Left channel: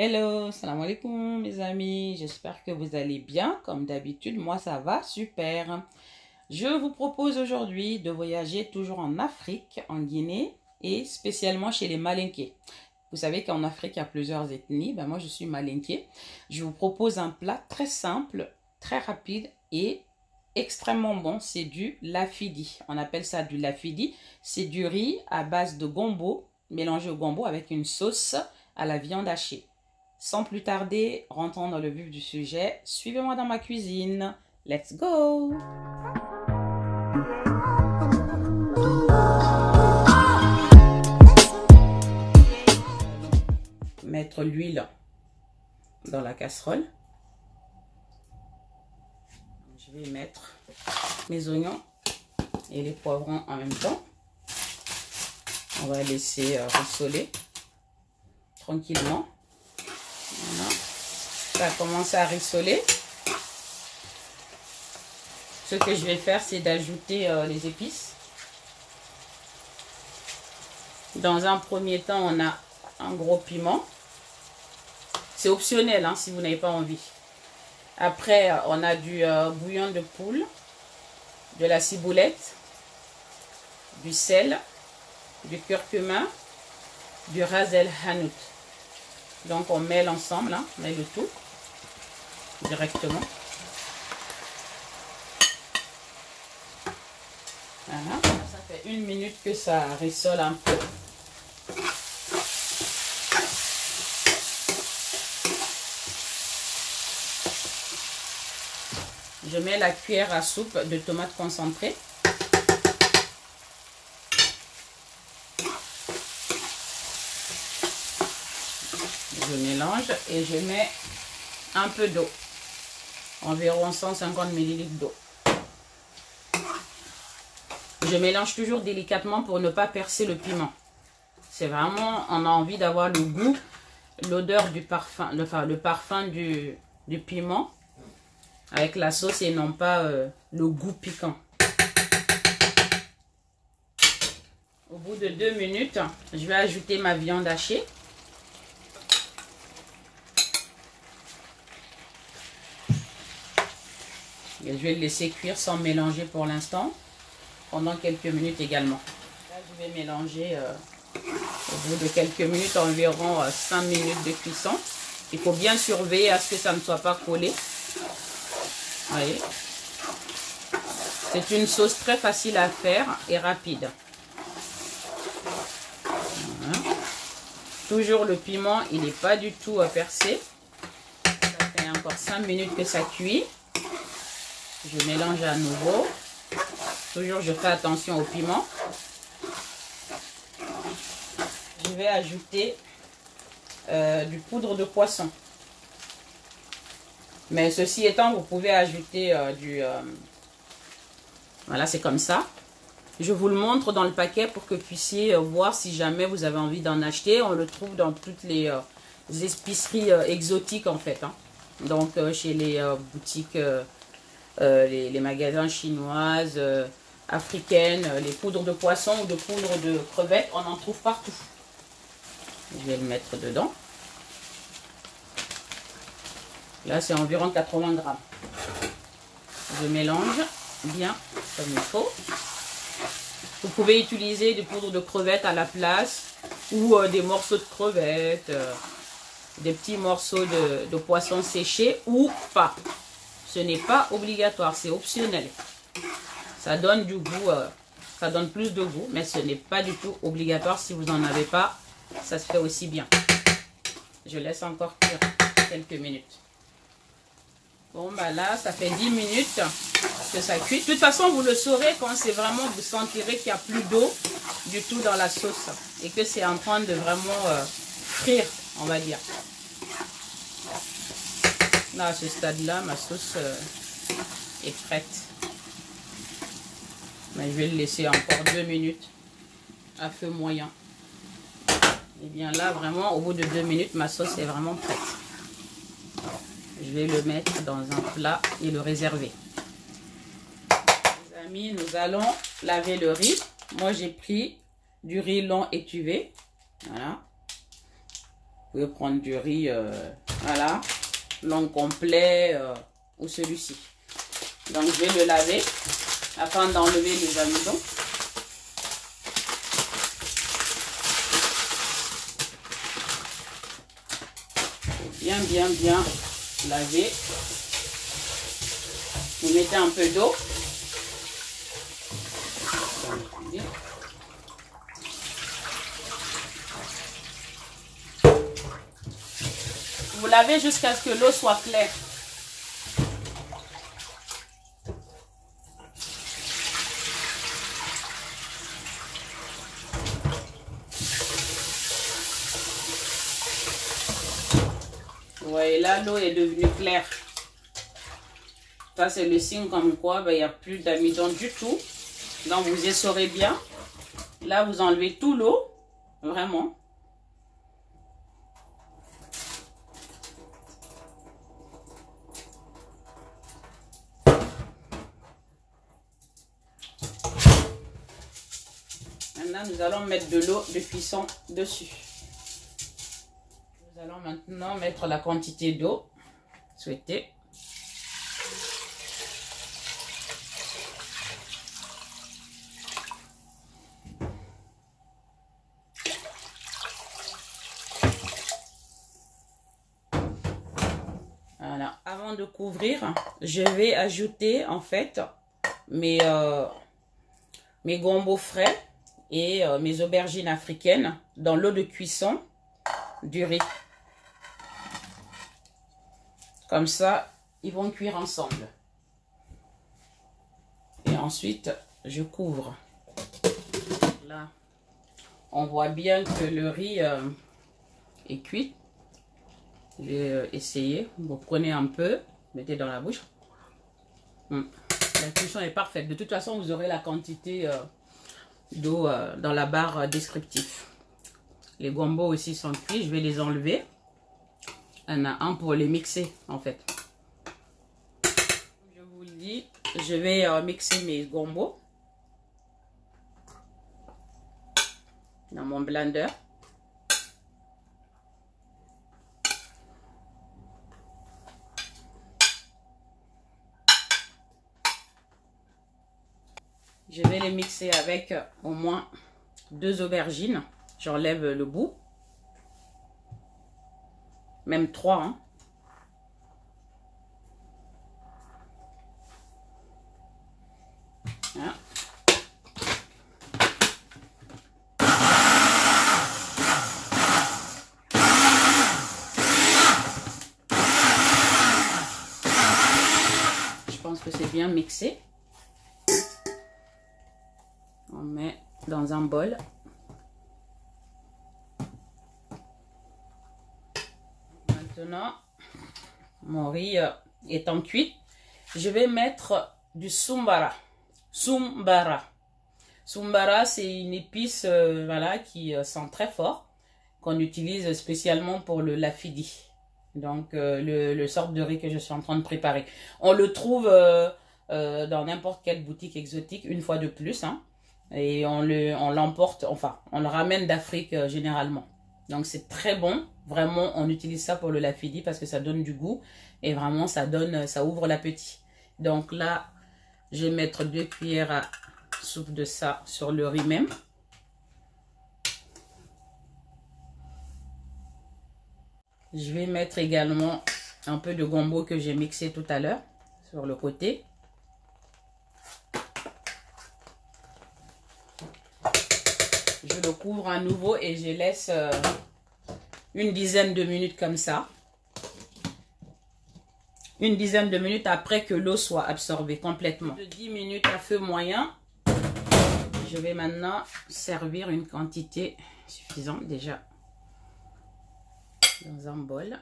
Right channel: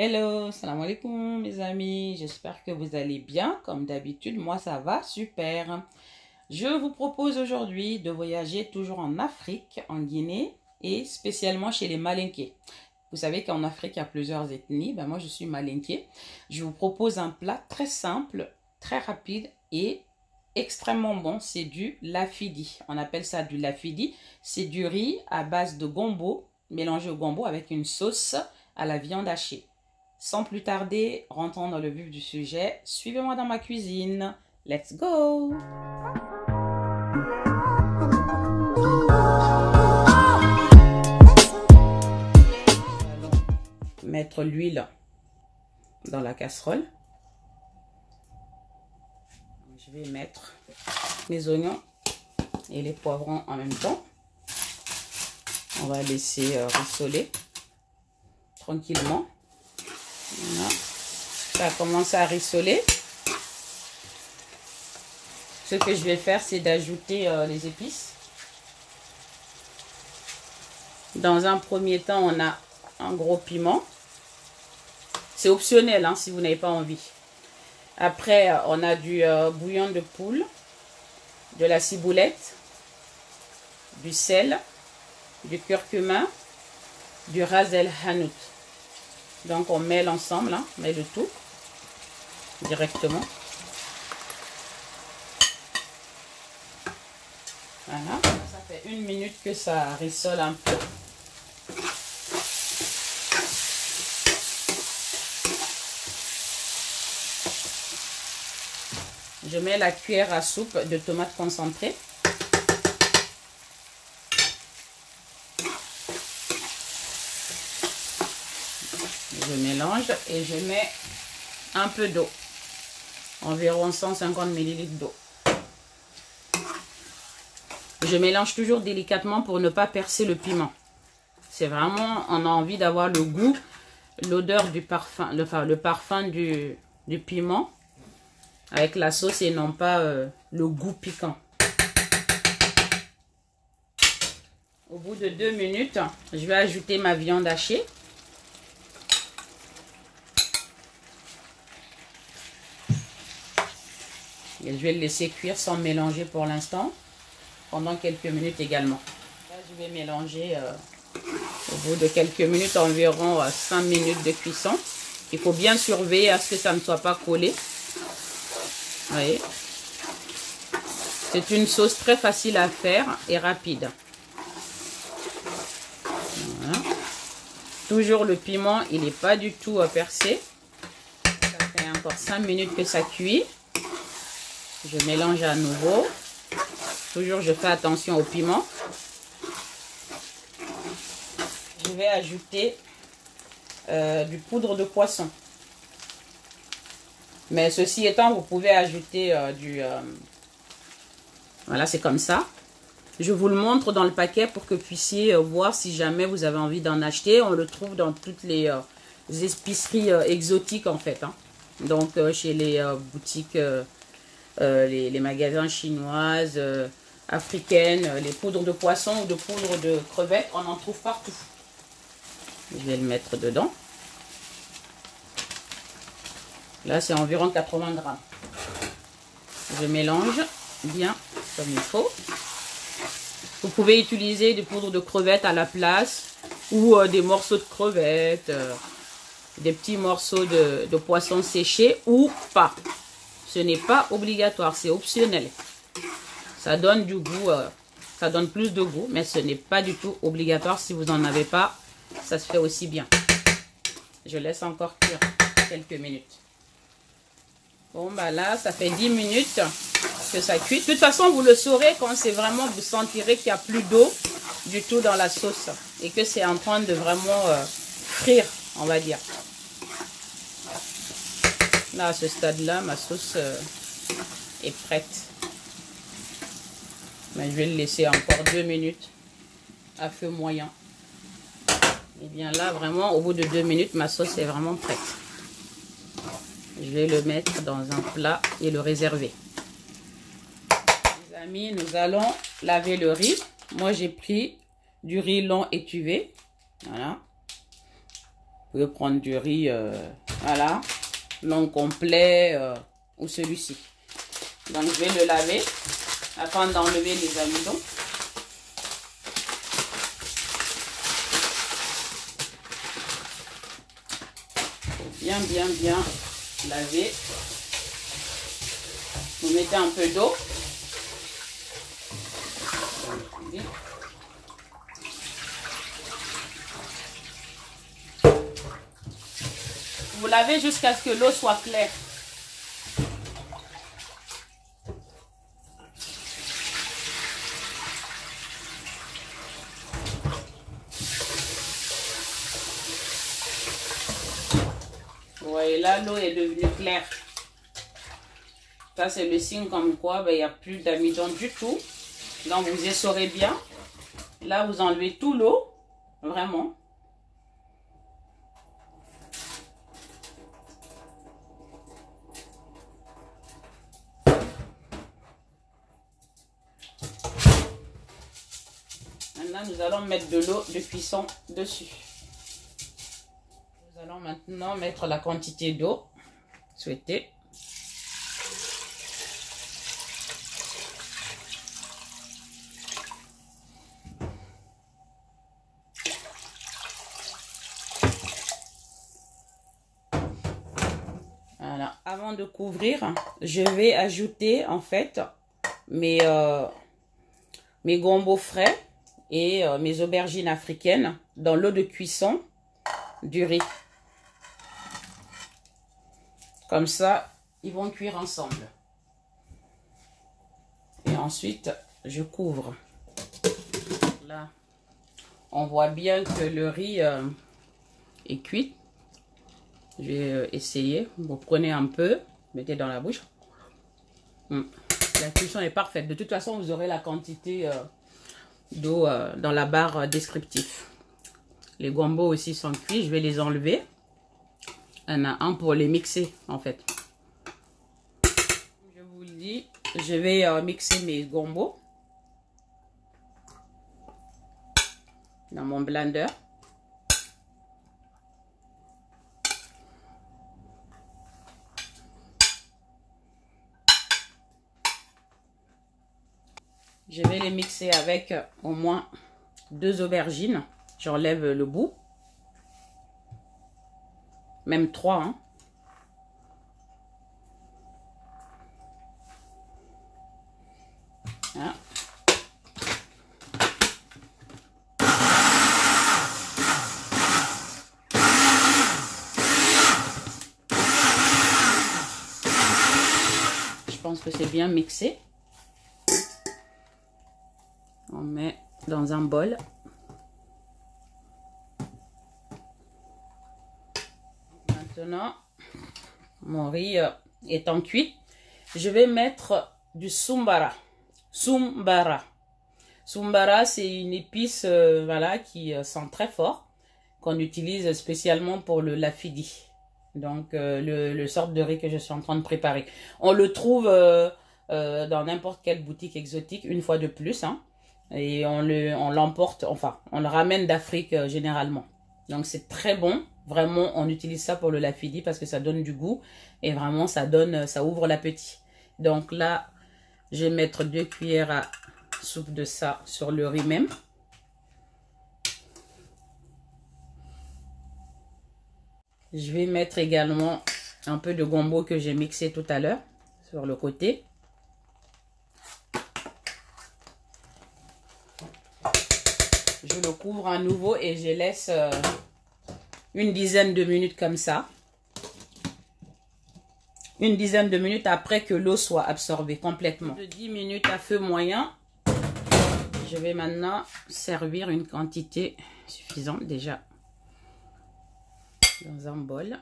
Hello, salam alaikum mes amis, j'espère que vous allez bien. Comme d'habitude, moi ça va super. Je vous propose aujourd'hui de voyager toujours en Afrique, en Guinée et spécialement chez les Malinké. Vous savez qu'en Afrique il y a plusieurs ethnies, moi je suis Malinké. Je vous propose un plat très simple, très rapide et extrêmement bon, c'est du lafidi. On appelle ça du lafidi, c'est du riz à base de gombo, mélangé au gombo avec une sauce à la viande hachée. Sans plus tarder, rentrons dans le vif du sujet. Suivez-moi dans ma cuisine. Let's go! Mettre l'huile dans la casserole. Je vais mettre mes oignons et les poivrons en même temps. On va laisser rissoler tranquillement. Voilà. Ça commence à rissoler. Ce que je vais faire, c'est d'ajouter les épices. Dans un premier temps, on a un gros piment. C'est optionnel hein, si vous n'avez pas envie. Après, on a du bouillon de poule, de la ciboulette, du sel, du curcuma, du ras el hanout. Donc on mêle ensemble, hein, on met le tout directement. Voilà, ça fait 1 minute que ça rissole un peu. Je mets la cuillère à soupe de tomates concentrées. Je mélange et je mets un peu d'eau, environ 150 ml d'eau. Je mélange toujours délicatement pour ne pas percer le piment. C'est vraiment, on a envie d'avoir le goût, l'odeur du parfum, le parfum du piment avec la sauce et non pas le goût piquant. Au bout de 2 minutes, je vais ajouter ma viande hachée. Et je vais le laisser cuire sans mélanger pour l'instant, pendant quelques minutes également. Là, je vais mélanger au bout de quelques minutes, environ 5 minutes de cuisson. Il faut bien surveiller à ce que ça ne soit pas collé. Vous voyez, c'est une sauce très facile à faire et rapide. Voilà. Toujours le piment, il n'est pas du tout percé. Ça fait encore 5 minutes que ça cuit. Je mélange à nouveau. Toujours, je fais attention au piment. Je vais ajouter du poudre de poisson. Mais ceci étant, vous pouvez ajouter voilà, c'est comme ça. Je vous le montre dans le paquet pour que vous puissiez voir si jamais vous avez envie d'en acheter. On le trouve dans toutes les épiceries exotiques en fait. Hein. Donc, chez les boutiques... les magasins chinoises, africaines, les poudres de poisson ou de poudre de crevettes, on en trouve partout. Je vais le mettre dedans. Là, c'est environ 80 grammes. Je mélange bien comme il faut. Vous pouvez utiliser des poudres de crevettes à la place ou des morceaux de crevettes, des petits morceaux de poisson séché ou pas. Ce n'est pas obligatoire, c'est optionnel. Ça donne du goût, ça donne plus de goût, mais ce n'est pas du tout obligatoire. Si vous n'en avez pas, ça se fait aussi bien. Je laisse encore cuire quelques minutes. Bon, là, ça fait 10 minutes que ça cuit. De toute façon, vous le saurez quand c'est vraiment, vous sentirez qu'il n'y a plus d'eau du tout dans la sauce et que c'est en train de vraiment frire, on va dire. Là, à ce stade-là, ma sauce est prête. Mais je vais le laisser encore 2 minutes à feu moyen. Et bien là, vraiment, au bout de 2 minutes, ma sauce est vraiment prête. Je vais le mettre dans un plat et le réserver. Les amis, nous allons laver le riz. Moi, j'ai pris du riz long étuvé. Voilà. Vous pouvez prendre du riz, voilà, non complet ou celui-ci. Donc je vais le laver afin d'enlever les amidons. Bien laver. Vous mettez un peu d'eau. Vous lavez jusqu'à ce que l'eau soit claire. Vous voyez là, l'eau est devenue claire. Ça, c'est le signe comme quoi il n'y a plus d'amidon du tout. Donc, vous essorez bien. Là, vous enlevez tout l'eau. Vraiment. Maintenant, nous allons mettre de l'eau de cuisson dessus. Nous allons maintenant mettre la quantité d'eau souhaitée. Voilà. Avant de couvrir, je vais ajouter en fait mes gombo frais et mes aubergines africaines dans l'eau de cuisson du riz. Comme ça, ils vont cuire ensemble. Et ensuite, je couvre. Là, on voit bien que le riz est cuit. Je vais essayer. Vous prenez un peu, mettez dans la bouche. La cuisson est parfaite. De toute façon, vous aurez la quantité d'eau dans la barre descriptive. Les gombo aussi sont cuits. Je vais les enlever. Il y en a un pour les mixer en fait. Je vous le dis, je vais mixer mes gombo dans mon blender. Je vais les mixer avec au moins 2 aubergines. J'enlève le bout. Même 3. Hein. Voilà. Je pense que c'est bien mixé. On met dans un bol. Maintenant, mon riz étant cuit, je vais mettre du sumbara. Sumbara, c'est une épice voilà, qui sent très fort, qu'on utilise spécialement pour le lafidi. Donc, le sort de riz que je suis en train de préparer. On le trouve dans n'importe quelle boutique exotique, une fois de plus. Hein, et on l'emporte, enfin, on le ramène d'Afrique généralement. Donc, c'est très bon. Vraiment, on utilise ça pour le lafidi parce que ça donne du goût. Et vraiment, ça ouvre l'appétit. Donc là, je vais mettre 2 cuillères à soupe de ça sur le riz même. Je vais mettre également un peu de gombo que j'ai mixé tout à l'heure sur le côté. Je le couvre à nouveau et je laisse une dizaine de minutes comme ça. Une dizaine de minutes après que l'eau soit absorbée complètement. De 10 minutes à feu moyen. Je vais maintenant servir une quantité suffisante déjà dans un bol.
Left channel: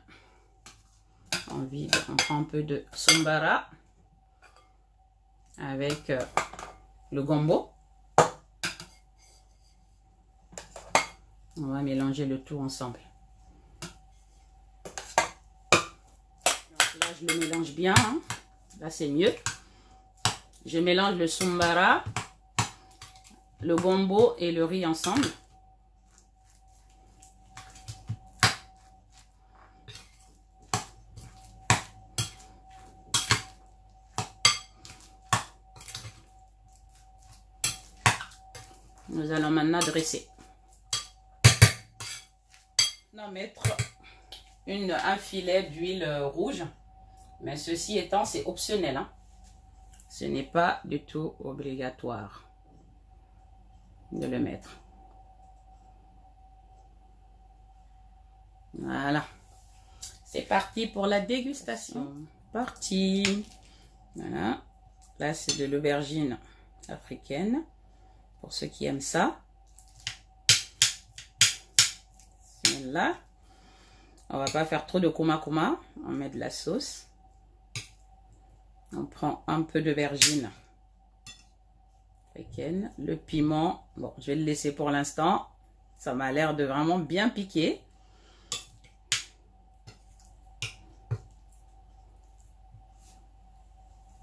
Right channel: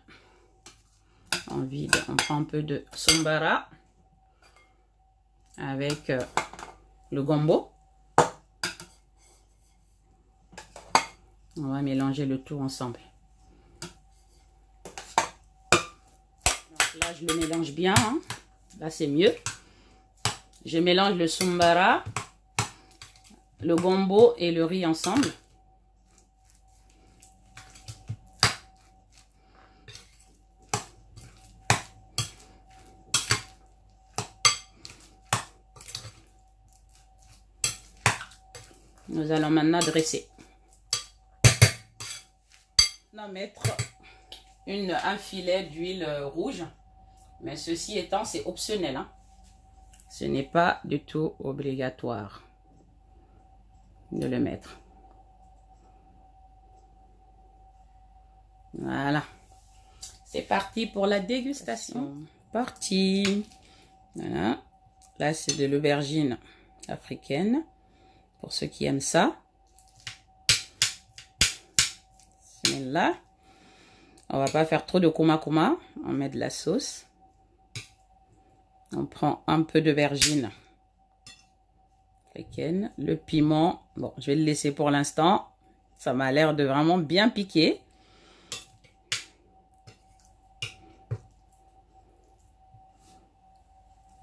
On vide, on prend un peu de sumbara avec le gombo. On va mélanger le tout ensemble. Donc là, je le mélange bien. Hein. Là, c'est mieux. Je mélange le sumbara, le gombo et le riz ensemble. Nous allons maintenant dresser. On va mettre un filet d'huile rouge. Mais ceci étant, c'est optionnel. Hein. Ce n'est pas du tout obligatoire de le mettre. Voilà. C'est parti pour la dégustation. Parti. Voilà. Là, c'est de l'aubergine africaine. Pour ceux qui aiment ça. Et là, on va pas faire trop de kuma. On met de la sauce. On prend un peu d'aubergine africaine. Le piment. Bon, je vais le laisser pour l'instant. Ça m'a l'air de vraiment bien piquer.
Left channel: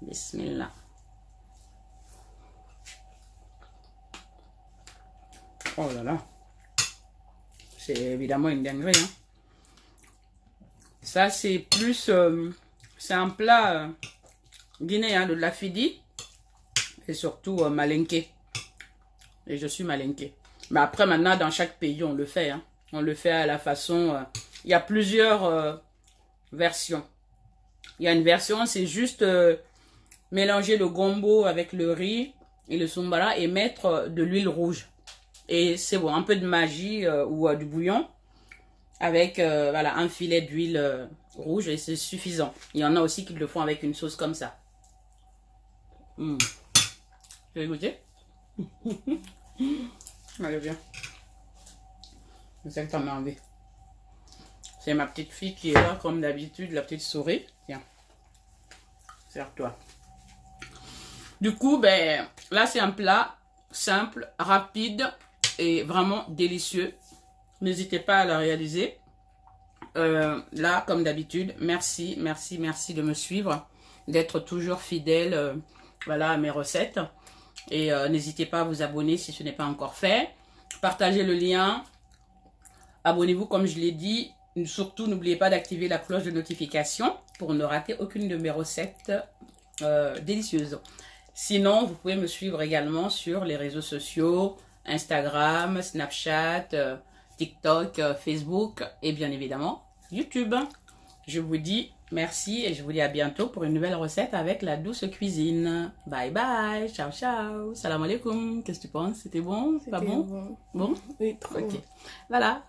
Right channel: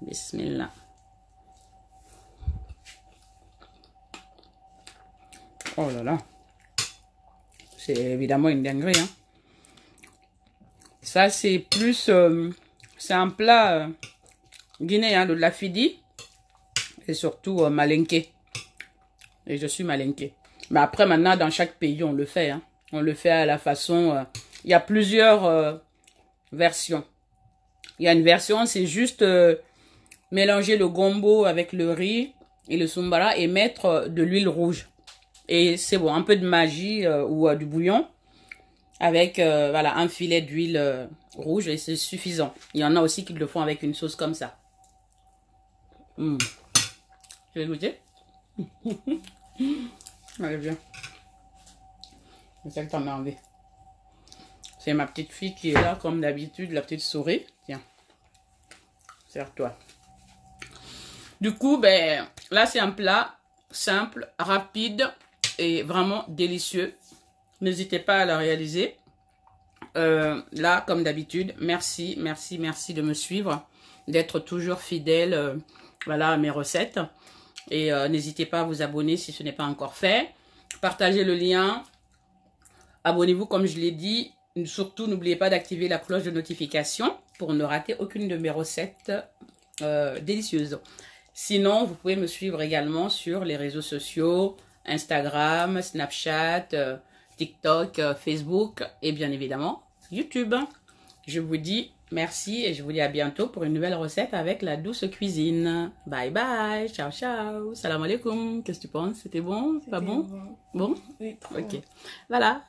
Bismillah. Oh là là. C'est évidemment une dinguerie. Hein. Ça, c'est plus... c'est un plat guinéen, de la fidi. Et surtout malinké. Et je suis malinké. Mais après, maintenant, dans chaque pays, on le fait. Hein. On le fait à la façon... il y a plusieurs versions. Il y a une version, c'est juste... mélanger le gombo avec le riz et le sombara et mettre de l'huile rouge. Et c'est bon, un peu de magie ou du bouillon avec voilà, un filet d'huile rouge et c'est suffisant. Il y en a aussi qui le font avec une sauce comme ça. Tu veux goûter? Allez, viens. C'est ça que t'en as envie. C'est ma petite fille qui est là comme d'habitude, la petite souris. Tiens, sers-toi. Du coup, ben, là, c'est un plat simple, rapide et vraiment délicieux. N'hésitez pas à le réaliser. Là, comme d'habitude, merci de me suivre, d'être toujours fidèle voilà, à mes recettes. Et n'hésitez pas à vous abonner si ce n'est pas encore fait. Partagez le lien. Abonnez-vous, comme je l'ai dit. Surtout, n'oubliez pas d'activer la cloche de notification pour ne rater aucune de mes recettes délicieuses. Sinon, vous pouvez me suivre également sur les réseaux sociaux, Instagram, Snapchat, TikTok, Facebook et bien évidemment YouTube. Je vous dis merci et je vous dis à bientôt pour une nouvelle recette avec la douce cuisine. Bye bye, ciao ciao, salam alaikum. Qu'est-ce que tu penses? C'était bon? Pas bon? Bon? Oui, trop bon. Voilà.